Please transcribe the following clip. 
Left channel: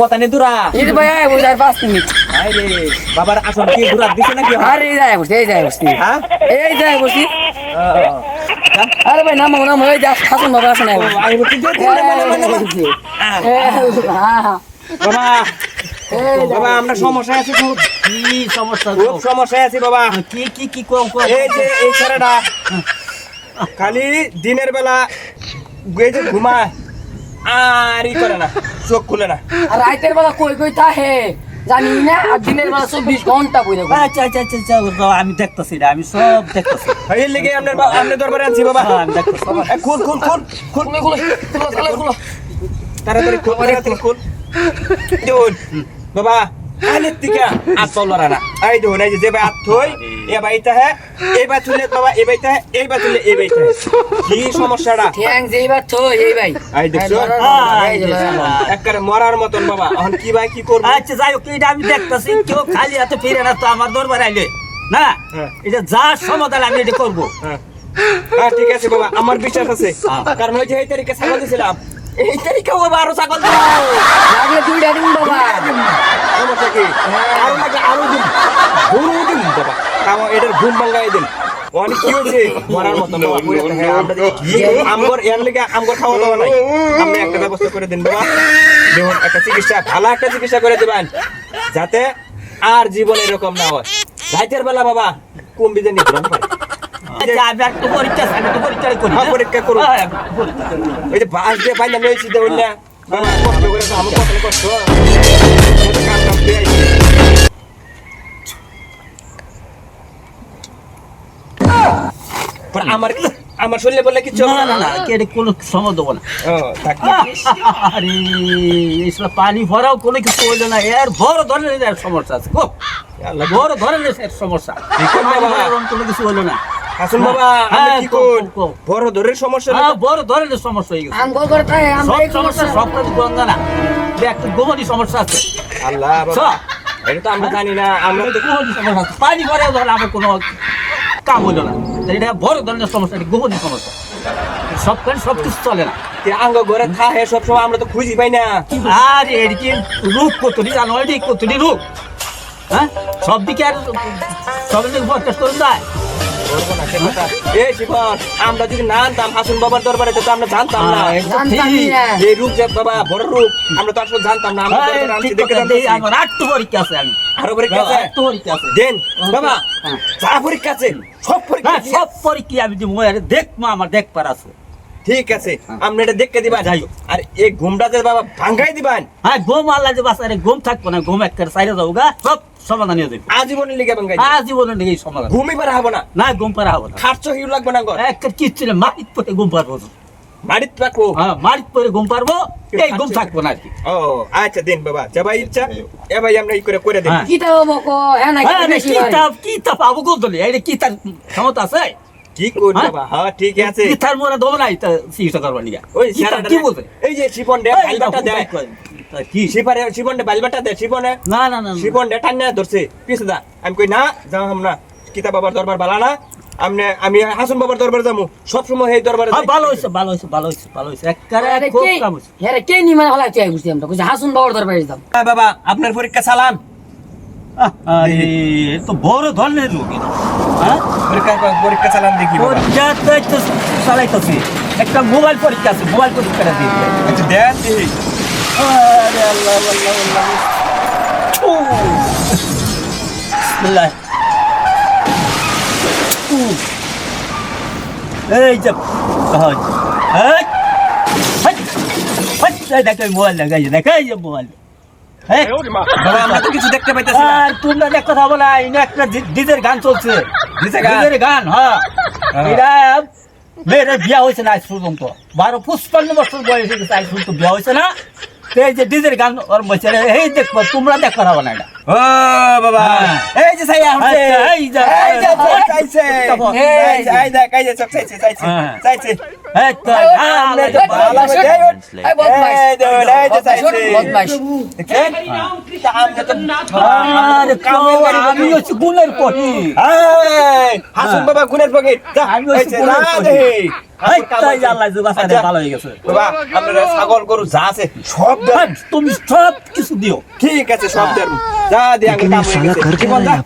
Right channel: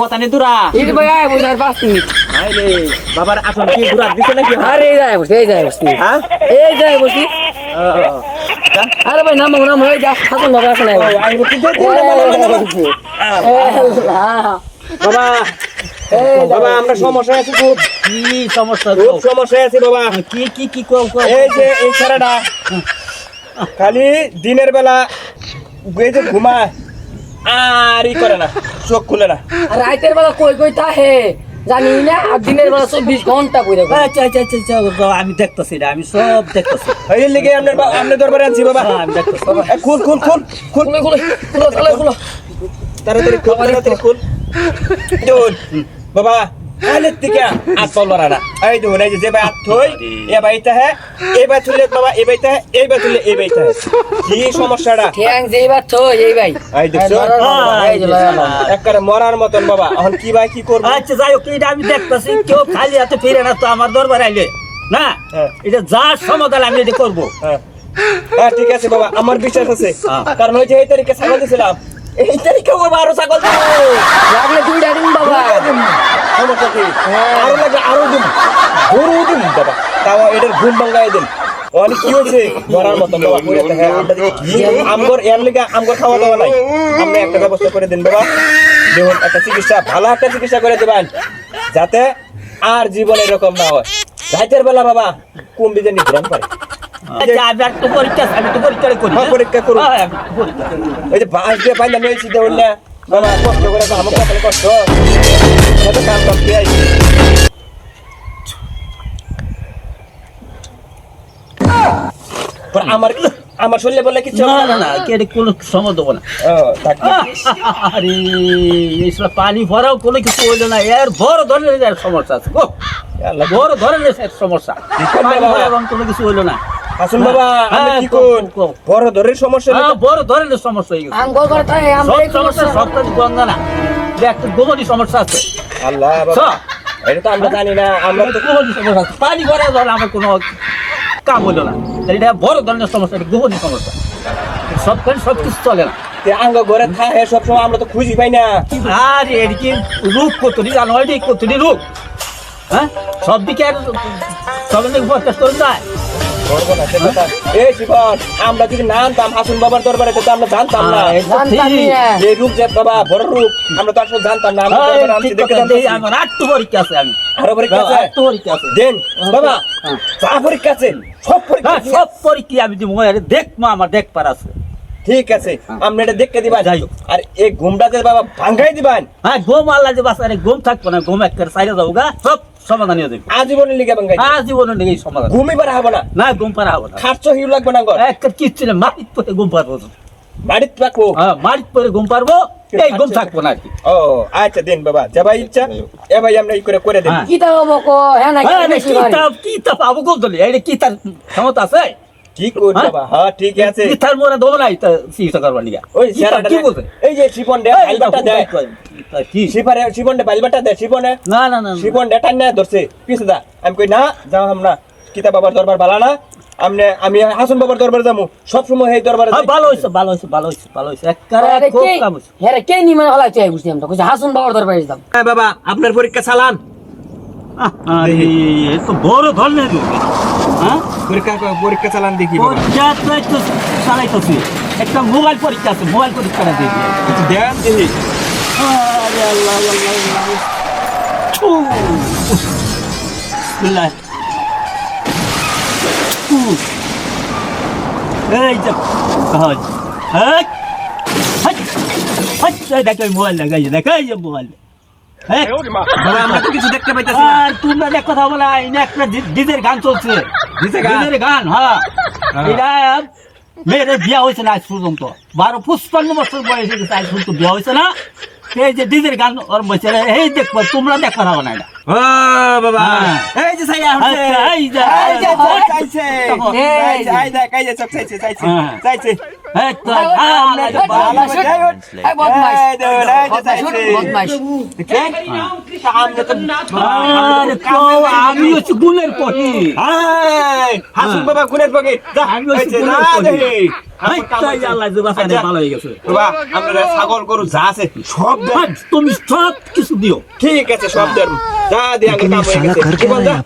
কথা নেই দুরা এই ভাই আয় বুঝার 5 মিনিট আরে বাবার আসল কি দুরা দিছে নাকি আরে এই যায় বসি হ্যাঁ এই যায় বসি আরে ভাই নাম হয়ে যা হাসুন বাবা আসলে আমি কি বাবা বাবা আমরা সমস্যা আছি খুব কি সমস্যা খুব সমস্যা আছে বাবা কি কম এই যে এই ছেলেটা খালি দিনের বেলা এই যে ঘুমায় আর ই করে না চোখ খুলে না আর রাতের বেলা কই তাহে জানি না আর দিনের বেলা 24 ঘন্টা বইরে আচ্ছা আমি দেখতেছি না আমি সব দেখতেছি এই লেগে আপনার দরবারে আনছি বাবা আমি দেখতেছি খুল তাড়াতাড়ি খুল বাবা আলে থেকে আত পাওলা না এই দেখুন এই যে ভাই আত থই এ বাইটা হ্যাঁ এই বা তুলে বাবা এই বাইটা এই বা তুলে এই বাইটা কি সমস্যাটা ঠ্যাং যেইবার তো এই ভাই এই দেখছো এই যে একবারে মরার মতন বাবা এখন কি ভাই কি করব আচ্ছা যাই হোক এটা আমি দেখতেছি কেউ খালি হাতে ফিরে না তো আমার দরবারে আইলে না এটা যা সমাধান আমি এটা করবো হ্যাঁ ঠিক আছে বাবা আমার বিশ্বাস আছে কারণ ওই যে এই তারিখে ছাগল দিছিলাম এই তারিখে ও আরো ছাগল দেবো লাগলে দুইটা দিন বাবা সমস্যা কি আরো লাগলে আরো দিন গরু দিন বাবা তাও এটার ঘুম ভাঙাই দিন অনেক কি হয়েছে মরার মতন আমগর এর লেগে আমগর খাওয়া দাওয়া নাই আপনি একটা ব্যবস্থা করে দিন বাবা দেখুন একটা চিকিৎসা ভালো একটা চিকিৎসা করে দেবেন যাতে আর জীবন এরকম না হয় রাতের বেলা বাবা কুম্বিতে নিদ্রণ করে আচ্ছা আমি একটা পরীক্ষা করি পরীক্ষা করুন এই যে বাস দিয়ে পাইলাম নিয়েছি দেখুন না বাবা কষ্ট করে আমার কপালে কষ্ট আমার শরীরে বললে কিছু না এটা কোনো সময় দেবো না আরে এইসব পানি ভরাও কোনো কিছু হইলো না এর বড় ধরনের সমস্যা আছে বড় ধরনের সমস্যা কোনো কিছু হইলো না আসুন বাবা আমি কি কোন বড় ধরনের সমস্যা বড় ধরনের সমস্যা হয়ে গেছে আঙ্গুল করে তাহে আমরা সব সমস্যা সব কিছু গঙ্গা না একটা গোমনি সমস্যা আছে আল্লাহ বাবা এটা তো আমরা জানি না আমরা তো গোমনি সমস্যা আছে পানি ভরাও ধরে আমার কোনো কাম হইলো না এটা বড় ধরনের সমস্যা এটা গোমনি সমস্যা সব কিছু চলে না আঙ্গ ঘরে থাকে সবসময় আমরা তো খুঁজি পাই না আর এর কি রূপ কতটি জানো এটি কতটি রূপ হ্যাঁ সব দিকে আর সবের দিকে প্রত্যাশ করুন যায় এই জীবন আমরা যদি না আনতাম হাসুন বাবার দরবারে তো আমরা জানতাম না এই রূপ যে বাবা বড় রূপ আমরা তো আসলে জানতাম না আমার আটটু পরীক্ষা আছে আমি আরো পরীক্ষা আছে আটটু পরীক্ষা আছে দেন বাবা যা পরীক্ষা আছে সব পরীক্ষা আমি দিব দেখবো আমার দেখবার আছে ঠিক আছে আপনি এটা দেখে দিবা যাই আর এই ঘুমটা যে বাবা ভাঙ্গাই দিবেন হ্যাঁ ঘুম আল্লাহ যে বাস আরে ঘুম থাকবো না ঘুম একটা সাইডে যাবো গা সব সমাধান হয়ে যাবে আজীবনের লিগে ভাঙ্গাই আজীবনের লিগে সমাধান ঘুমই পারা হবে না না ঘুম পারা হবে না খাচ্ছ হিউ লাগবে না গো একটা কিচ্ছু নেই মাটির পরে ঘুম পারবো বাড়িতে রাখবো হ্যাঁ মাটির পরে ঘুম পারবো এই ঘুম থাকবো না আর কি ও আচ্ছা দেন বাবা যা ভাই ইচ্ছা এ ভাই আমরা ই করে দেন কি তা হবো কো হ্যাঁ না কি তাপ আবু গোদলি এটা কি তার ক্ষমতা আছে কি কই বাবা হ্যাঁ ঠিক আছে কি তার মোরা দোল নাই তা চিকিৎসা করবার নিগা ওই কি বলছে এই যে শিপন দে বাইলবাটা দে কি শিপন দে বাইলবাটা দে শিপনে না শিপন দে টান্না ধরছে পিছে দা আমি কই না যাও আমরা কিতা বাবার দরবার বালা না আমি হাসন বাবার দরবার যামু সব সময় এই দরবারে ভালো হইছে একবারে খুব কাম হইছে হ্যাঁ কে নি মানে হলা চাই বুঝছি আমরা কইছি হাসুন বাবার দরবারে যাম হ্যাঁ বাবা আপনার পরীক্ষা চালান আরে এ তো বড় ধরনের লোক হ্যাঁ পরীক্ষা চালান দেখি বাবা পরীক্ষা তো চালাইতেছি একটা মোবাইল পরীক্ষা আছে মোবাইল পরীক্ষা দিই আচ্ছা দেন দেখি বিসমিল্লাহ এই যে হয় দেখো মোবাইল দেখাই যে মোবাইল বাবা আমরা তো কিছু দেখতে পাইতাছি না তোমরা দেখ কথা বলা এনে একটা ডিজের গান চলছে ডিজের গান হ্যাঁ এটা মেয়ের বিয়া হয়েছে না আজ পর্যন্ত 12-55 বছর বয়স হয়ে গেছে আজ পর্যন্ত বিয়া হয়েছে না এই যে ডিজের গান ওর বলছে এই দেখবো তোমরা দেখ কথা বলা এটা ও বাবা এই যে ছাইয়া হচ্ছে এই যে চাইছে এই যে সব চাইছে এই তো ভালো দেই এই বদমাইশ এই যে চাইছে বদমাইশ আমি হচ্ছে গুণের পটি হাসুন বাবা গুণের পকেট যা আমি হয়েছে না দেহি আল্লাহ বাসায় ভালো হয়ে গেছে বাবা আপনারা ছাগল গরু যা আছে সব দেন তুমি সব কিছু দিও ঠিক আছে সব দেন যা দিয়ে আমি কাম হয়ে গেছে। কি বল যা